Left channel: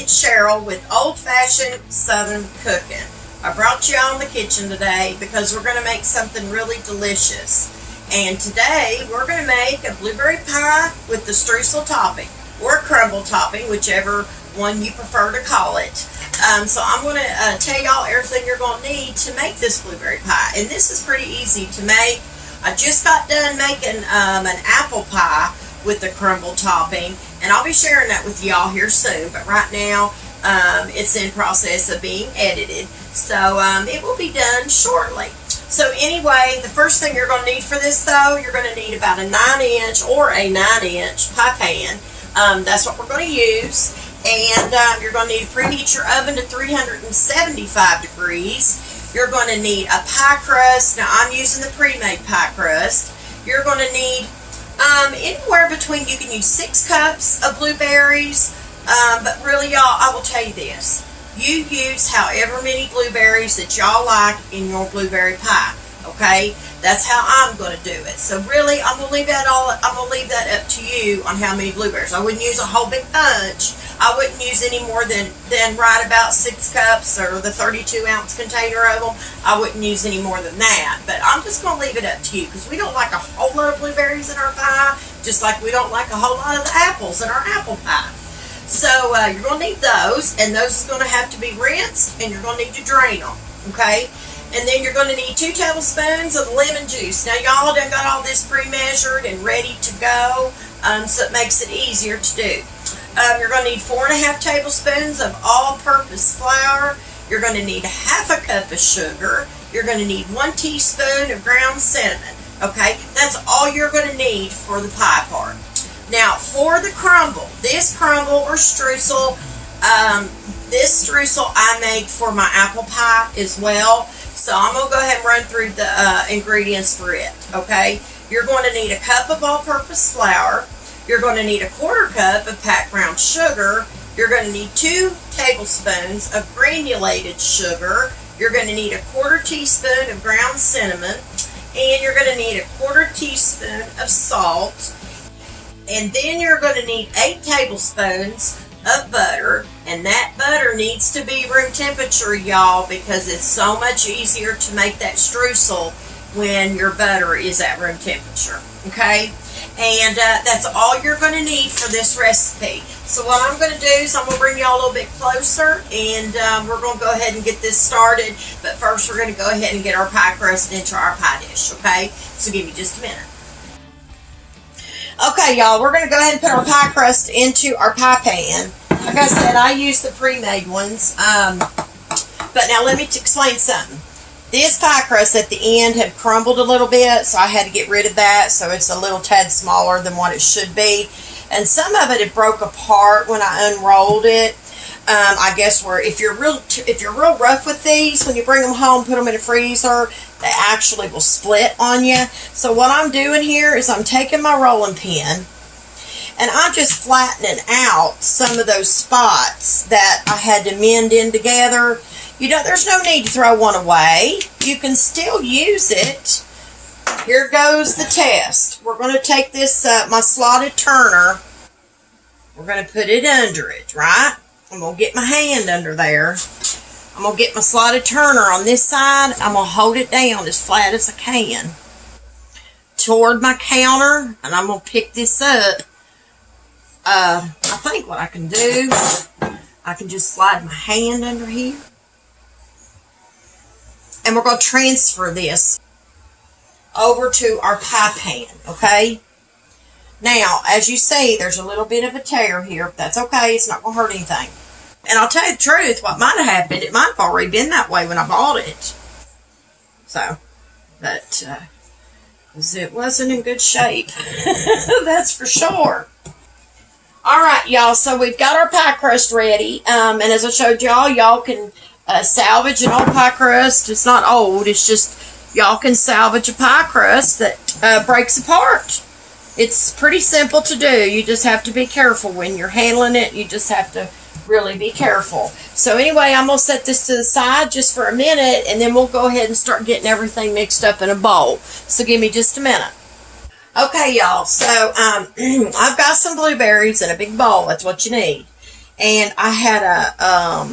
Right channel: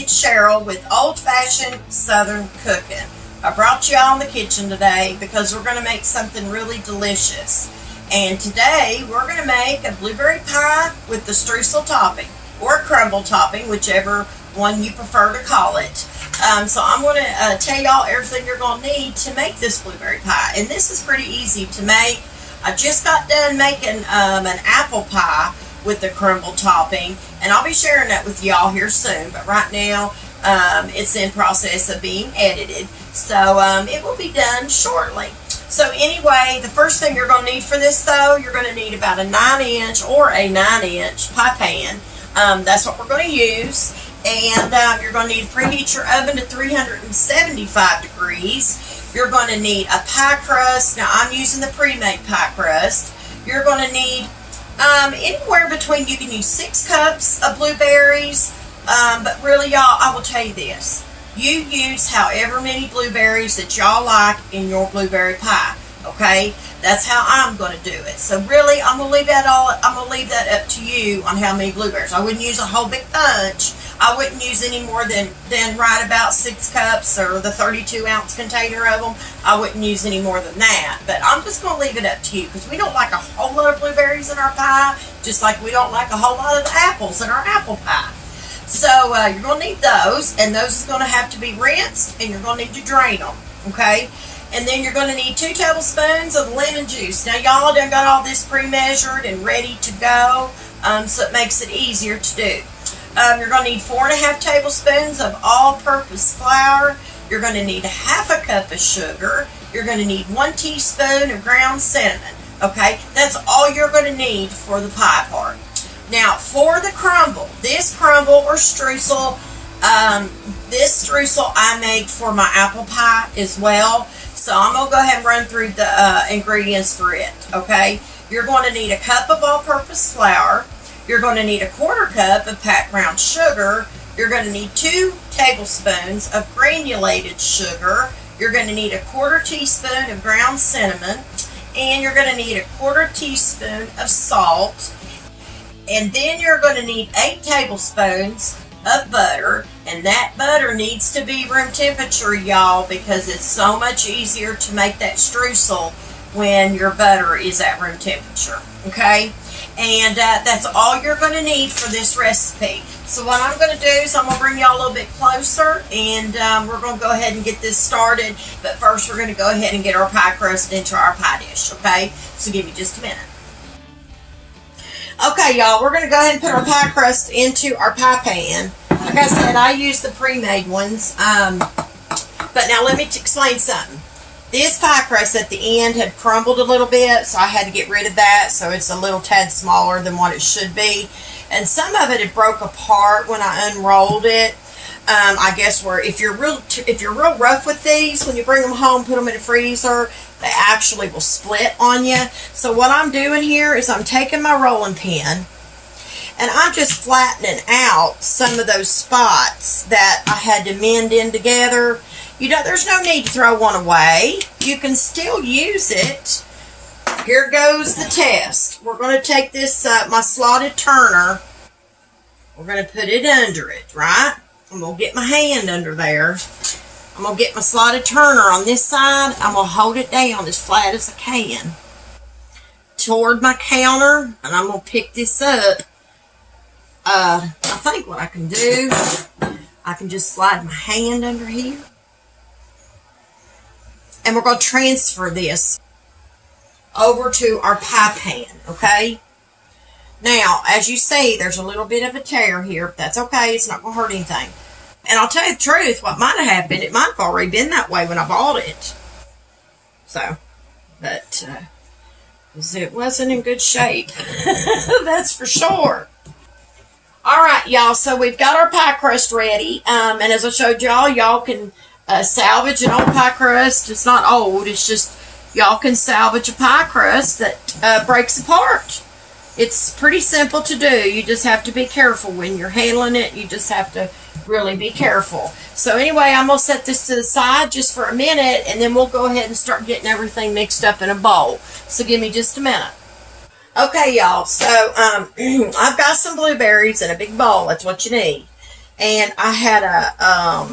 it's Cheryl with Old Fashioned Southern Cooking. I brought you all in the kitchen today because we're going to make something really delicious. And today we're going to make a blueberry pie with the streusel topping or crumble topping, whichever one you prefer to call it. So I'm going to tell y'all everything you're going to need to make this blueberry pie. And this is pretty easy to make. I just got done making an apple pie with the crumble topping, and I'll be sharing that with y'all here soon. But right now it's in process of being edited, so it will be done shortly. So anyway, the first thing you're going to need for this, though, you're going to need about a 9-inch or a 9-inch pie pan. That's what we're going to use. And you're going to need to preheat your oven to 375 degrees. You're going to need a pie crust. Now, I'm using the pre-made pie crust. You're going to need anywhere between, you can use 6 cups of blueberries. But really, y'all, I will tell you this. You use however many blueberries that y'all like in your blueberry pie. Okay? That's how I'm going to do it. So really, I'm going to leave that up to you on how many blueberries. I wouldn't use a whole big bunch. I wouldn't use any more than right about 6 cups or the 32-ounce container of them. I wouldn't use any more than that. But I'm just going to leave it up to you because we don't like a whole lot of blueberries in our pie, just like we don't like a whole lot of the apples in our apple pie. So you're going to need those, and those are going to have to be rinsed, and you're going to need to drain them, okay? And then you're going to need 2 tablespoons of lemon juice. Now, y'all done got all this pre-measured and ready to go, so it makes it easier to do. You're going to need 4.5 tablespoons of all-purpose flour. You're going to need 1/2 cup of sugar. You're going to need 1 teaspoon of ground cinnamon. Okay, that's all you're going to need for the pie part. Now, for the crumble, this crumble or streusel, this streusel I make for my apple pie as well. So I'm going to go ahead and run through the ingredients for it. Okay, you're going to need 1 cup of all-purpose flour. You're going to need 1/4 cup of packed brown sugar. You're going to need 2 tablespoons of granulated sugar. You're going to need 1/4 teaspoon of ground cinnamon. And you're going to need 1/4 teaspoon of salt. And then you're going to need 8 tablespoons of butter. And that butter needs to be room temperature, y'all, because it's so much easier to make that streusel when your butter is at room temperature. Okay? And that's all you're going to need for this recipe. So what I'm going to do is I'm going to bring y'all a little bit closer, and we're going to go ahead and get this started. But first we're going to go ahead and get our pie crust into our pie dish, okay? So give me just a minute. Okay, y'all, we're going to go ahead and put our pie crust into our pie pan. Like I said, I use the pre-made ones. But now let me explain something. This pie crust at the end had crumbled a little bit, so I had to get rid of that, so it's a little tad smaller than what it should be. And some of it had broke apart when I unrolled it. I guess if you're real rough with these, when you bring them home, put them in a freezer, they actually will split on you. So what I'm doing here is I'm taking my rolling pin and I'm just flattening out some of those spots that I had to mend in together. You know, there's no need to throw one away. You can still use it. Here goes the test. We're going to take this, my slotted turner. We're going to put it under it, right? I'm going to get my hand under there. I'm going to get my slotted turner on this side. I'm going to hold it down as flat as I can toward my counter, and I'm going to pick this up. I think what I can do, I can just slide my hand under here. And we're going to transfer this over to our pie pan, okay? Now, as you see, there's a little bit of a tear here, but that's okay. It's not going to hurt anything. And I'll tell you the truth, what might have happened, it might have already been that way when I bought it. So, but it wasn't in good shape. That's for sure. All right, y'all, so we've got our pie crust ready. And as I showed y'all can salvage an old pie crust. It's not old, it's just y'all can salvage a pie crust that breaks apart. It's pretty simple to do. You just have to be careful when you're handling it. You just have to really be careful. So anyway, I'm going to set this to the side just for a minute, and then we'll go ahead and start getting everything mixed up in a bowl. So give me just a minute. Okay, y'all, so I've got some blueberries in a big bowl. That's what you need. And I had a,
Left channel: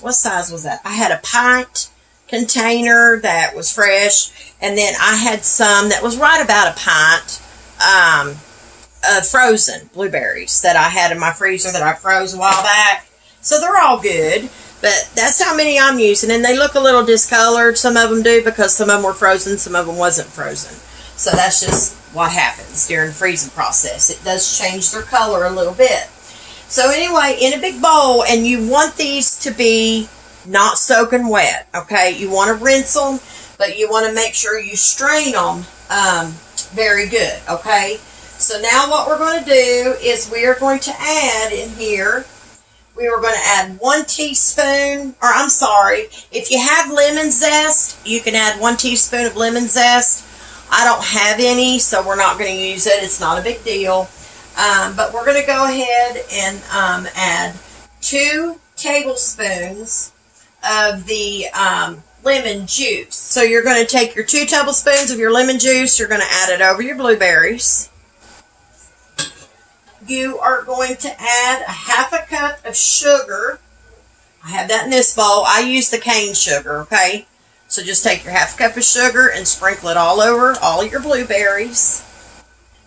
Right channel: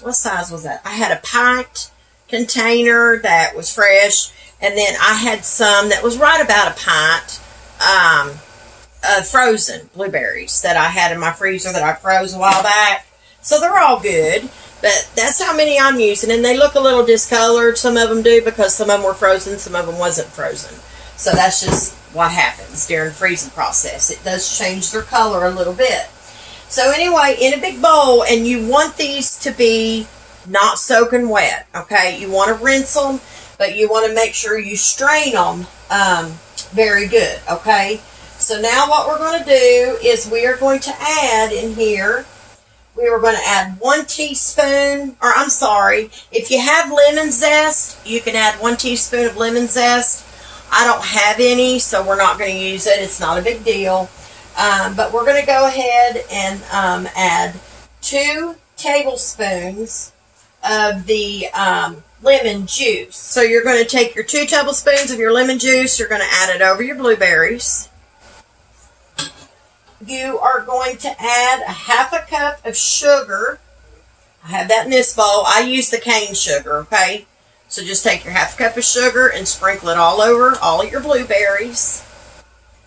what size was that? I had a pint container that was fresh, and then I had some that was right about a pint of frozen blueberries that I had in my freezer that I froze a while back. So they're all good, but that's how many I'm using, and they look a little discolored. Some of them do because some of them were frozen, some of them wasn't frozen. So that's just what happens during the freezing process. It does change their color a little bit. So anyway, in a big bowl, and you want these to be not soaking wet, okay? You want to rinse them, but you want to make sure you strain them very good, okay? So now what we're going to do is we are going to add in here, we are going to add 1 teaspoon, or I'm sorry, if you have lemon zest, you can add 1 teaspoon of lemon zest. I don't have any, so we're not going to use it. It's not a big deal. But we're going to go ahead and add 2 tablespoons of the lemon juice. So you're going to take your 2 tablespoons of your lemon juice, you're going to add it over your blueberries. You are going to add a 1/2 cup of sugar. I have that in this bowl. I use the cane sugar, okay? So just take your 1/2 cup of sugar and sprinkle it all over all of your blueberries.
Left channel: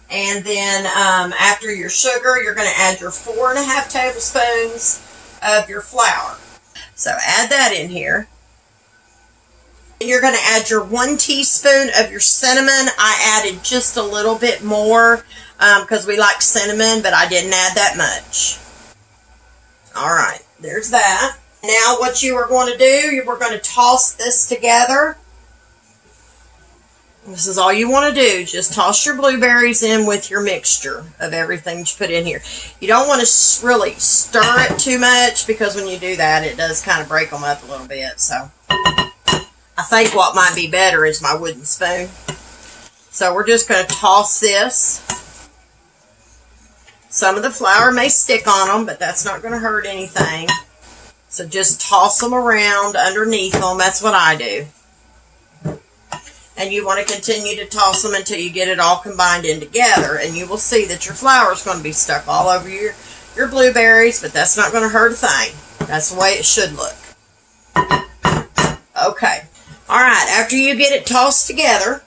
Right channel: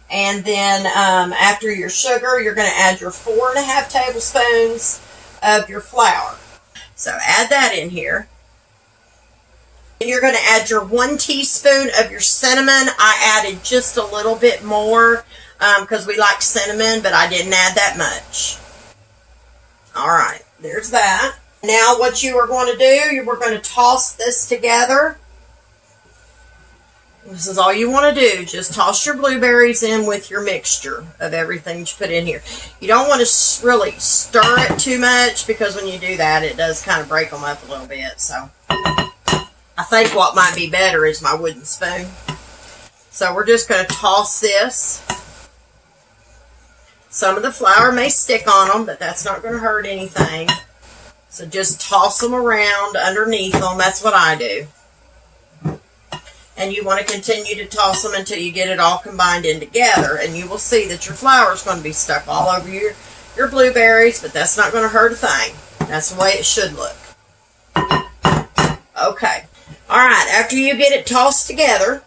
And then after your sugar, you're going to add your 4.5 tablespoons of your flour. So add that in here. And you're going to add your 1 teaspoon of your cinnamon. I added just a little bit more because we like cinnamon, but I didn't add that much. All right, there's that. Now what you are going to do, we're going to toss this together. This is all you want to do. Just toss your blueberries in with your mixture of everything that you put in here. You don't want to really stir it too much because when you do that, it does kind of break them up a little bit. So I think what might be better is my wooden spoon. So we're just going to toss this. Some of the flour may stick on them, but that's not going to hurt anything. So just toss them around underneath them. That's what I do. And you want to continue to toss them until you get it all combined in together. And you will see that your flour is going to be stuck all over your blueberries, but that's not going to hurt a thing. That's the way it should look. Okay. All right. After you get it tossed together,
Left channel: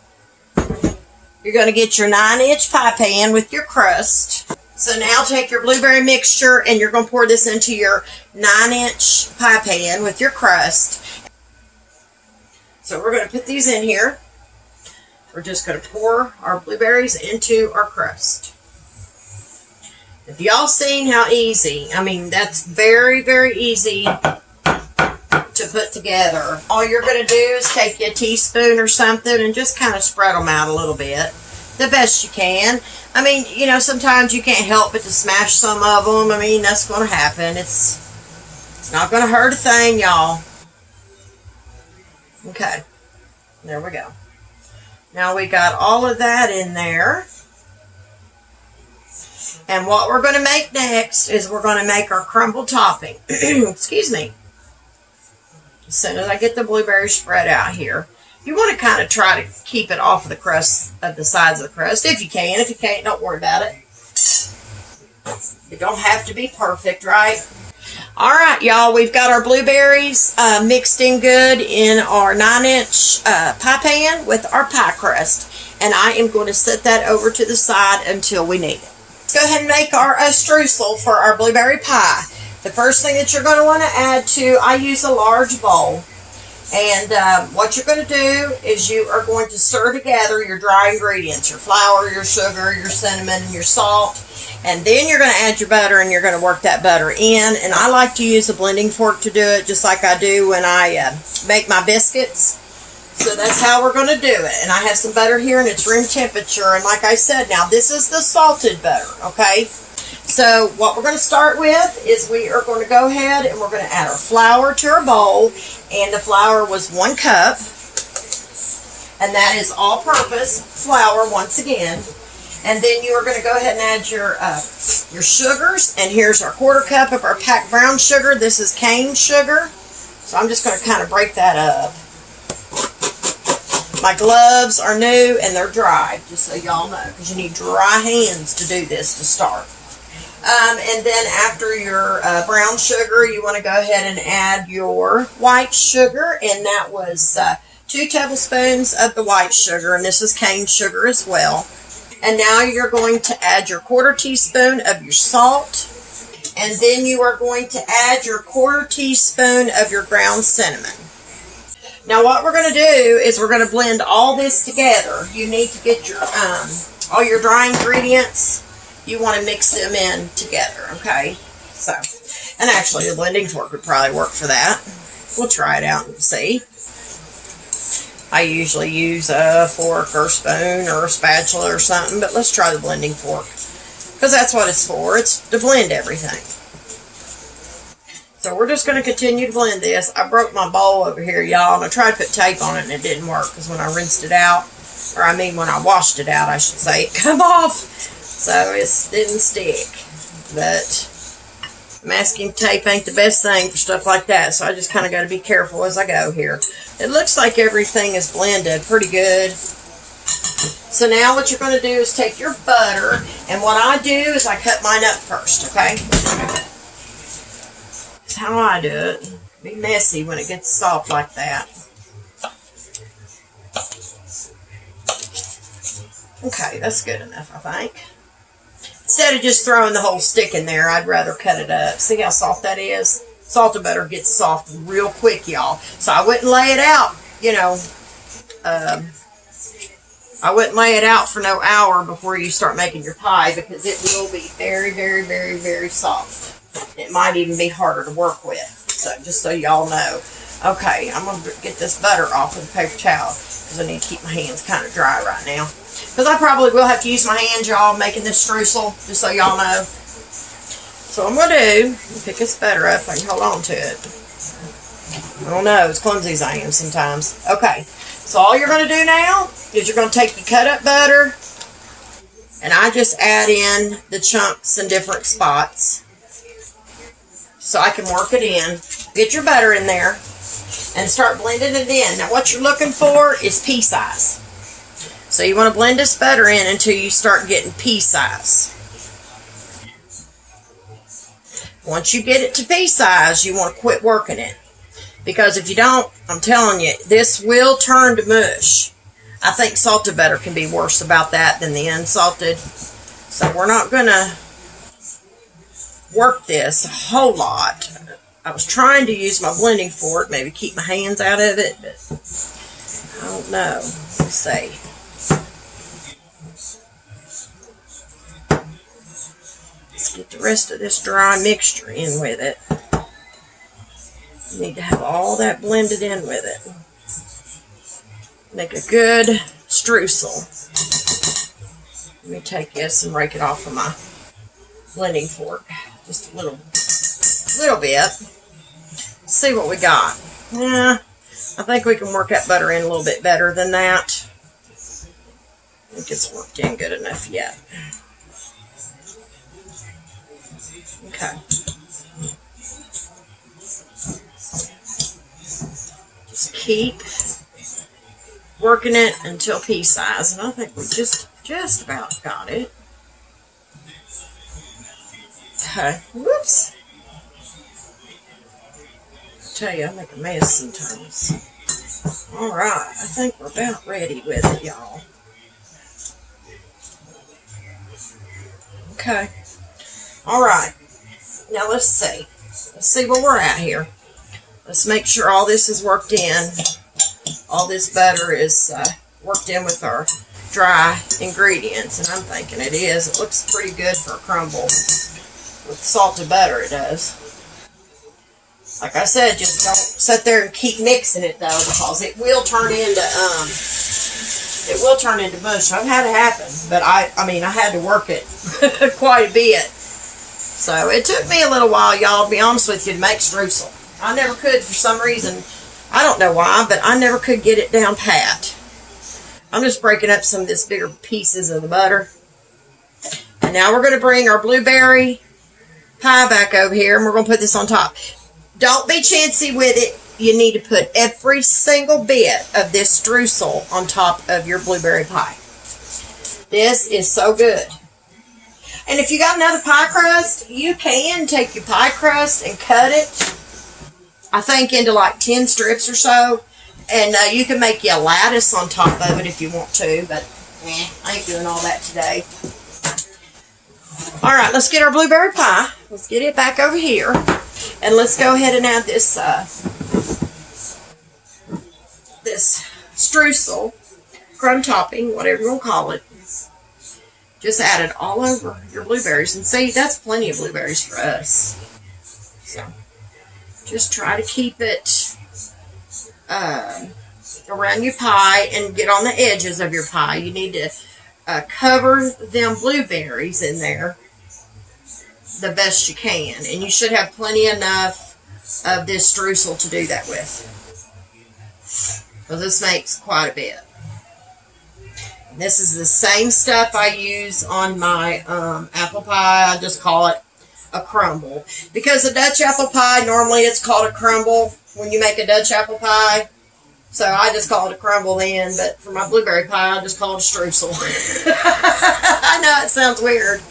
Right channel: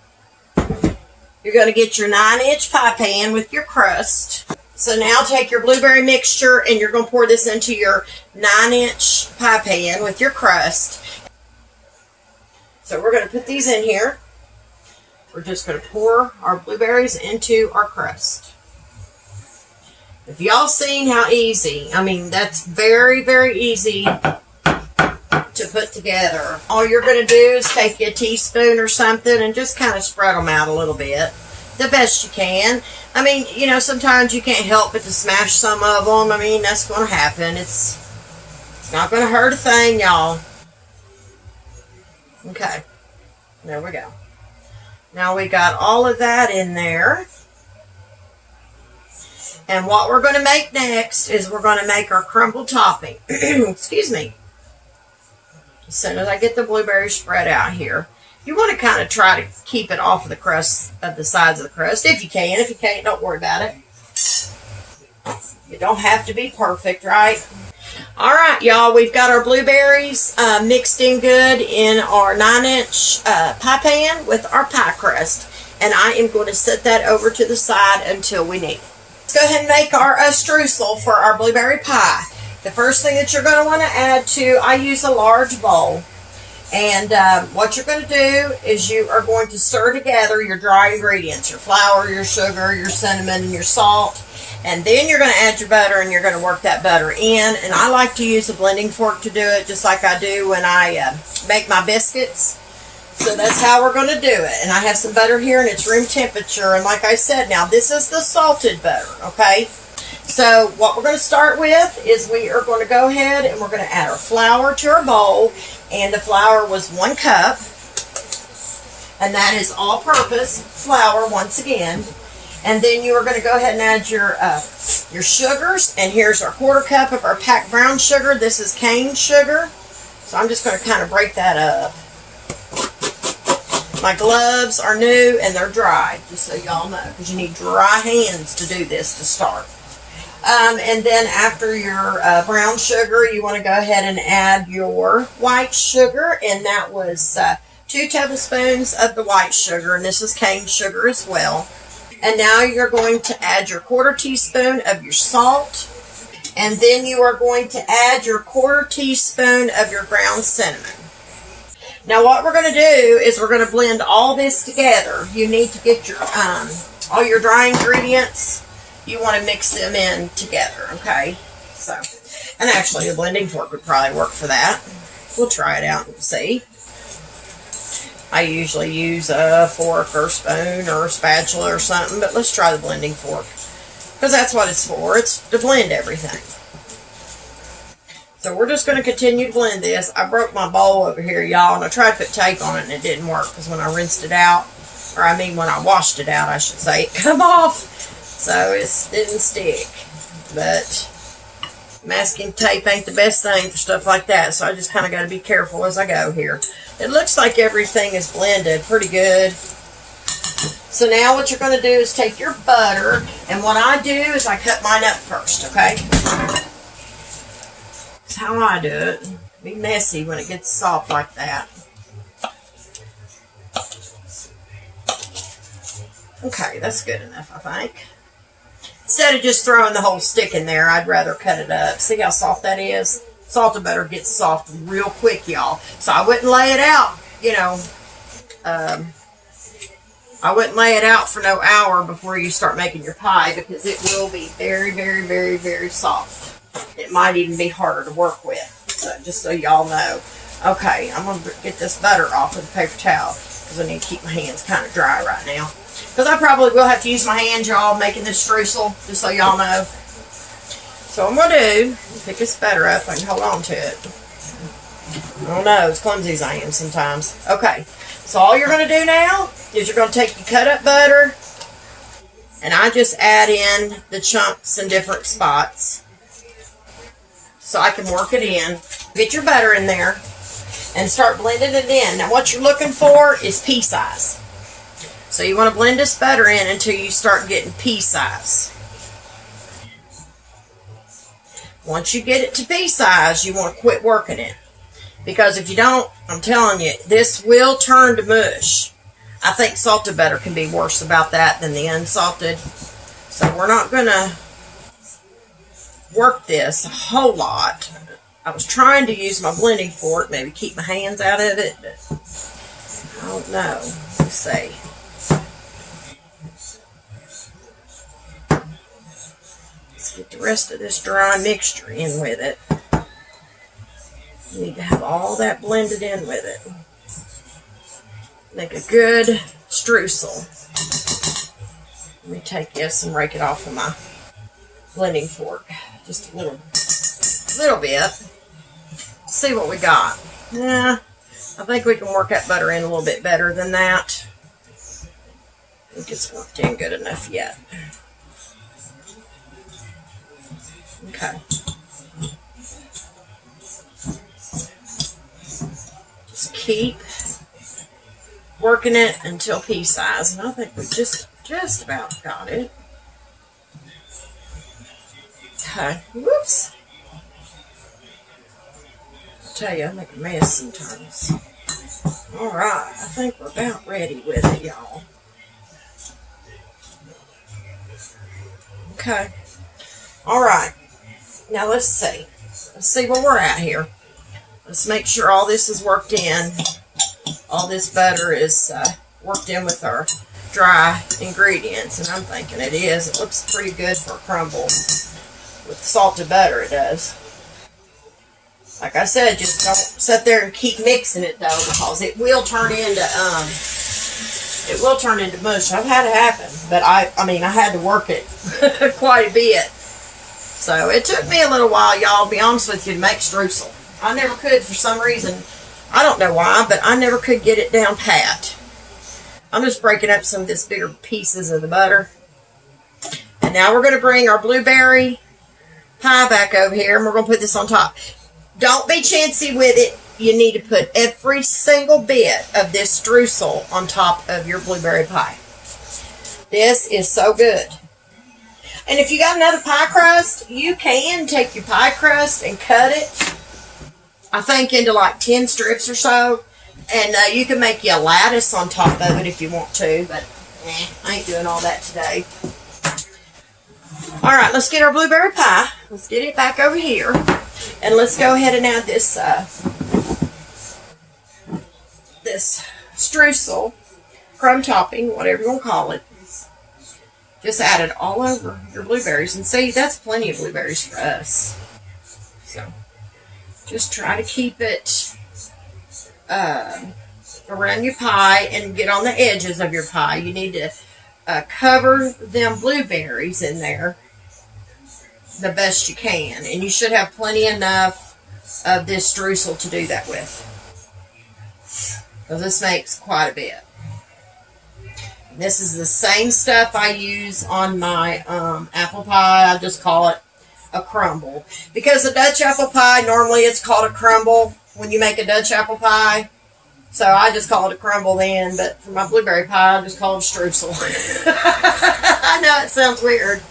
you're going to get your 9-inch pie pan with your crust. So now take your blueberry mixture and you're going to pour this into your 9-inch pie pan with your crust. So we're going to put these in here. We're just going to pour our blueberries into our crust. If y'all seen how easy, I mean, that's very, very easy to put together. All you're going to do is take a teaspoon or something and just kind of spread them out a little bit. The best you can. I mean, you know, sometimes you can't help but to smash some of them. I mean, that's going to happen. It's not going to hurt a thing, y'all. Okay. There we go. Now we got all of that in there. And what we're going to make next is we're going to make our crumble topping. Excuse me. As soon as I get the blueberries spread out here. You want to kind of try to keep it off of the crust, of the sides of the crust, if you can. If you can't, don't worry about it. You don't have to be perfect, right? All right, y'all, we've got our blueberries mixed in good in our 9-inch pie pan with our pie crust. And I am going to set that over to the side until we need it. Let's go ahead and make our streusel for our blueberry pie. The first thing that you're going to want to add to, I use a large bowl. And what you're going to do is you are going to stir together your dry ingredients, your flour, your sugar, your cinnamon, and your salt. And then you're going to add your butter and you're going to work that butter in. And I like to use a blending fork to do it just like I do when I make my biscuits. So that's how we're going to do it. And I have some butter here and it's room temperature. And like I said, now this is the salted butter, okay? So what we're going to start with is we are going to go ahead and we're going to add our flour to our bowl. And the flour was 1 cup. And that is all-purpose flour once again. And then you are going to go ahead and add your sugars. And here's our 1/4 cup of our packed brown sugar. This is cane sugar. So I'm just going to kind of break that up. My gloves are new and they're dry, just so y'all know, because you need dry hands to do this to start. And then after your brown sugar, you want to go ahead and add your white sugar. And that was 2 tablespoons of the white sugar. And this is cane sugar as well. And now you're going to add your 1/4 teaspoon of your salt. And then you are going to add your 1/4 teaspoon of your ground cinnamon. Now what we're going to do is we're going to blend all this together. You need to get your all your dry ingredients. You want to mix them in together, okay? So, and actually the blending fork would probably work for that. We'll try it out and see. I usually use a fork or spoon or a spatula or something, but let's try the blending fork. Because that's what it's for. It's to blend everything. So we're just going to continue to blend this. I broke my bowl over here, y'all, and I tried to put tape on it and it didn't work. Because when I rinsed it out, or I mean when I washed it out, I should say, it come off. So it didn't stick. But masking tape ain't the best thing for stuff like that. So I just kind of got to be careful as I go here. It looks like everything is blended pretty good. So now what you're going to do is take your butter, and what I do is I cut mine up first, okay? That's how I do it. Be messy when it gets soft like that. Okay, that's good enough, I think. Instead of just throwing the whole stick in there, I'd rather cut it up. See how soft that is? Salted butter gets soft real quick, y'all. So I wouldn't lay it out, you know, I wouldn't lay it out for no hour before you start making your pie, because it will be very, very, very, very soft. It might even be harder to work with. So just so y'all know. Okay, I'm going to get this butter off with a paper towel, because I need to keep my hands kind of dry right now. Because I probably will have to use my hands, y'all, making this streusel, just so y'all know. So what I'm going to do is pick this butter up. I can hold on to it. I don't know, as clumsy as I am sometimes. Okay, so all you're going to do now is you're going to take your cut up butter, and I just add in the chunks in different spots so I can work it in. Get your butter in there and start blending it in. Now what you're looking for is pea size. So you want to blend this butter in until you start getting pea size. Once you get it to pea size, you want to quit working it. Because if you don't, I'm telling you, this will turn to mush. I think salted butter can be worse about that than the unsalted. So we're not going to work this a whole lot. I was trying to use my blending fork, maybe keep my hands out of it, but I don't know. Let's see. Let's get the rest of this dry mixture in with it. You need to have all that blended in with it. Make a good streusel. Let me take this and rake it off of my blending fork. Just a little bit. See what we got. Yeah, I think we can work that butter in a little bit better than that. I think it's worked in good enough yet. Okay. Just keep working it until pea size, and I think we just about got it. Okay. Whoops. I tell you, I make a mess sometimes. Alright, I think we're about ready with it, y'all. Okay. Alright. Now let's see. Let's see where we're at here. Let's make sure all this is worked in. All this butter is worked in with our dry ingredients, and I'm thinking it is. It looks pretty good for a crumble. With salted butter, it does. Like I said, just don't sit there and keep mixing it, though, because it will turn into mush. I've had it happen, but I mean, I had to work it quite a bit. So it took me a little while, y'all, to be honest with you, to make streusel. I never could for some reason. I don't know why, but I never could get it down pat. I'm just breaking up some of this bigger pieces of the butter. And now we're going to bring our blueberry pie back over here, and we're going to put this on top. Don't be chintzy with it. You need to put every single bit of this streusel on top of your blueberry pie. This is so good. And if you got another pie crust, you can take your pie crust and cut it, I think, into like 10 strips or so. And you can make you a lattice on top of it if you want to, but I ain't doing all that today. All right, let's get our blueberry pie. Let's get it back over here. And let's go ahead and add this this streusel, crumb topping, whatever you want to call it. Just add it all over your blueberries. And see, that's plenty of blueberries for us. So, just try to keep it around your pie and get on the edges of your pie. You need to cover them blueberries in there the best you can. And you should have plenty enough of this streusel to do that with. Because this makes quite a bit. This is the same stuff I use on my apple pie. I just call it a crumble. Because a Dutch apple pie, normally it's called a crumble when you make a Dutch apple pie. So I just call it a crumble then. But for my blueberry pie, I just call it a streusel. I know it sounds weird.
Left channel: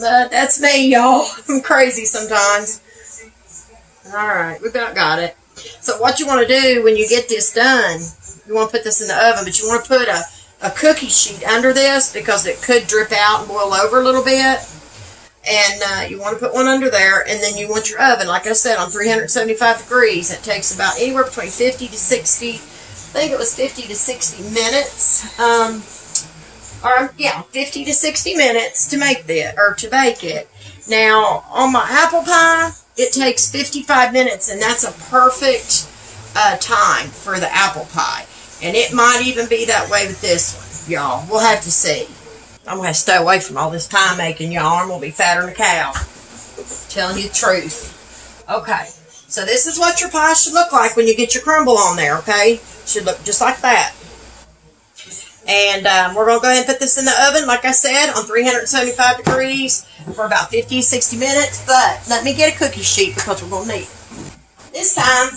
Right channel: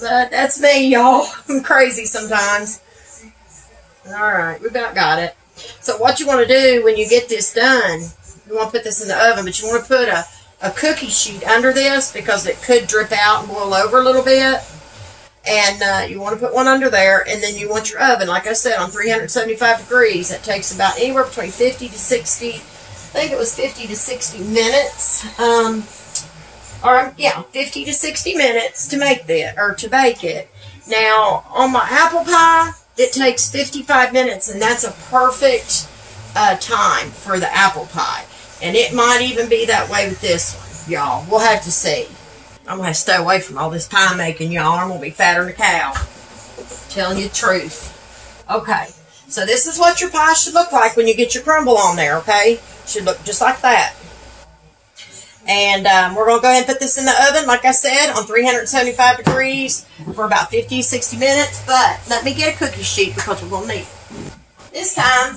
But that's me, y'all. I'm crazy sometimes. Alright, we about got it. So what you want to do when you get this done, you want to put this in the oven, but you want to put a cookie sheet under this because it could drip out and boil over a little bit. And you want to put one under there, and then you want your oven, like I said, on 375 degrees. It takes about anywhere between 50 to 60, I think it was 50 to 60 minutes. 50 to 60 minutes to make that, or to bake it. Now, on my apple pie, it takes 55 minutes, and that's a perfect time for the apple pie. And it might even be that way with this one, y'all. We'll have to see. I'm going to stay away from all this pie making, y'all. I'm going to be fatter than a cow. Telling you the truth. Okay. So this is what your pie should look like when you get your crumble on there, okay? Should look just like that. And we're going to go ahead and put this in the oven, like I said, on 375 degrees for about 50 to 60 minutes. But let me get a cookie sheet because we're going to need it. This time,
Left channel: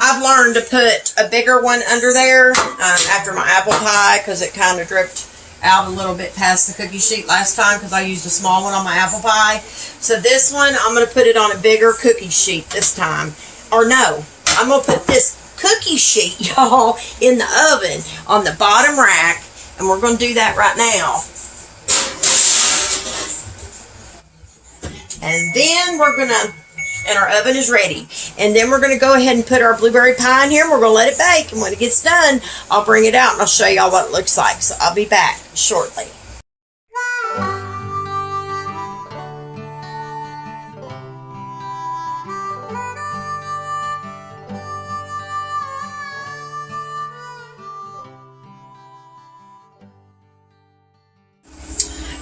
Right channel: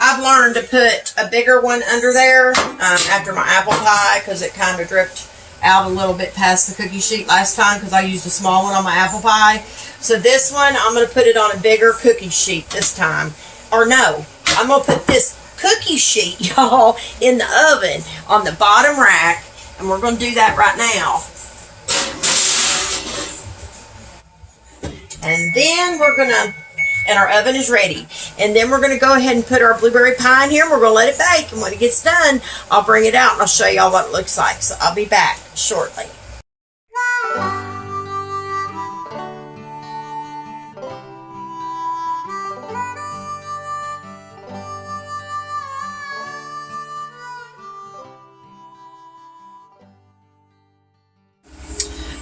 I've learned to put a bigger one under there after my apple pie because it kind of dripped out a little bit past the cookie sheet last time because I used a small one on my apple pie. So this one, I'm going to put it on a bigger cookie sheet this time. Or no, I'm going to put this cookie sheet, y'all, in the oven on the bottom rack. And we're going to do that right now. And then we're going to, and our oven is ready. And then we're going to go ahead and put our blueberry pie in here. And we're going to let it bake. And when it gets done, I'll bring it out and I'll show y'all what it looks like. So I'll be back shortly.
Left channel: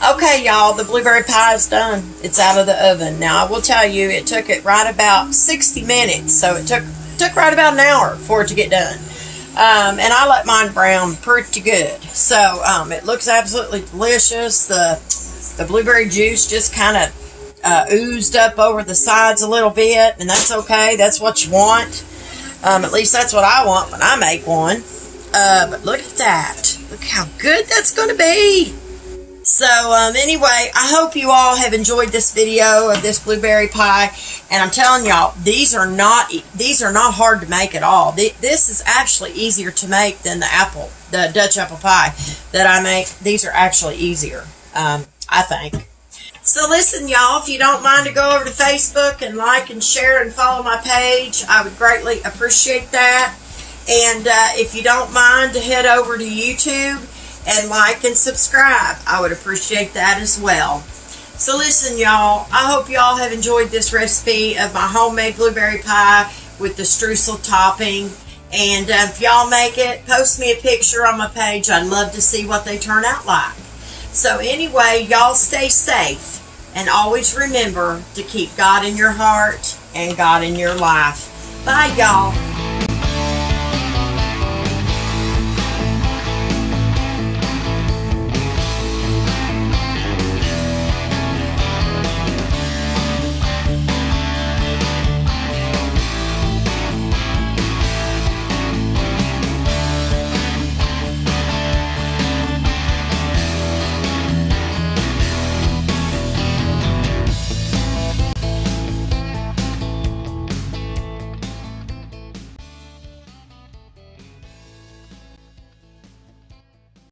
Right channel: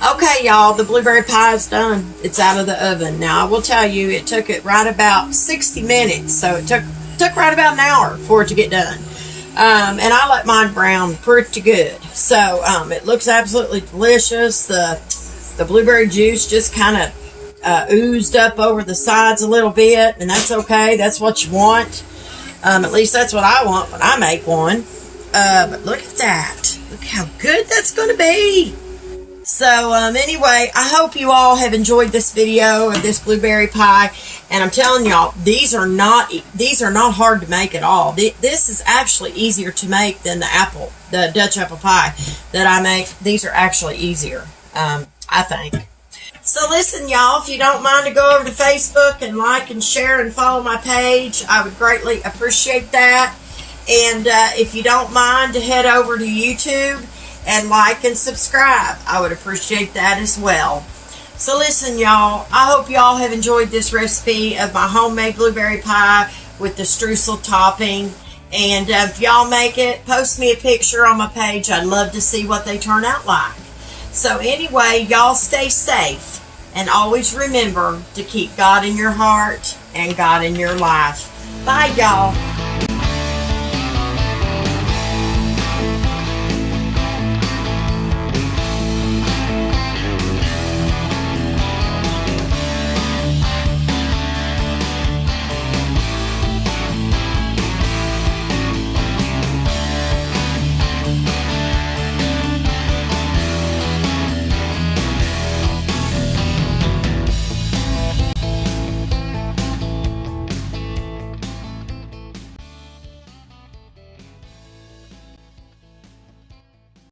Okay, y'all, the blueberry pie is done. It's out of the oven. Now, I will tell you, it took it right about 60 minutes. So it took right about an hour for it to get done. And I let mine brown pretty good. So it looks absolutely delicious. The blueberry juice just kind of oozed up over the sides a little bit. And that's okay. That's what you want. At least that's what I want when I make one. But look at that. Look how good that's going to be. So, anyway, I hope you all have enjoyed this video of this blueberry pie. And I'm telling y'all, these are not hard to make at all. This is actually easier to make than the Dutch apple pie that I make. These are actually easier, I think. So, listen, y'all, if you don't mind to go over to Facebook and like and share and follow my page, I would greatly appreciate that. And if you don't mind to head over to YouTube and like and subscribe, I would appreciate that as well. So listen, y'all, I hope y'all have enjoyed this recipe of my homemade blueberry pie with the streusel topping. And if y'all make it, post me a picture on my page. I'd love to see what they turn out like. So anyway, y'all stay safe. And always remember to keep God in your heart and God in your life. Bye, y'all.